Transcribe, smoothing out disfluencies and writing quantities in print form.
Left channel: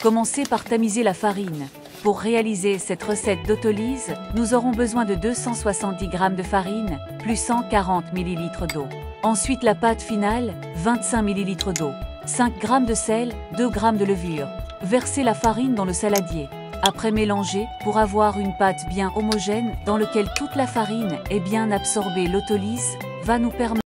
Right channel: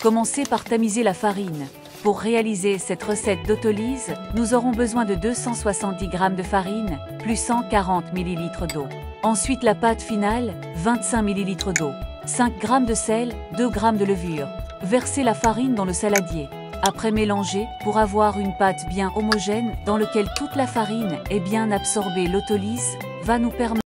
Commencez par tamiser la farine. Pour réaliser cette recette d'Autolyse, nous aurons besoin de 270 g de farine, plus 140 ml d'eau. Ensuite la pâte finale, 25 ml d'eau, 5 g de sel, 2 g de levure. Versez la farine dans le saladier. Après mélanger, pour avoir une pâte bien homogène, dans laquelle toute la farine est bien absorbée, l'Autolyse va nous permettre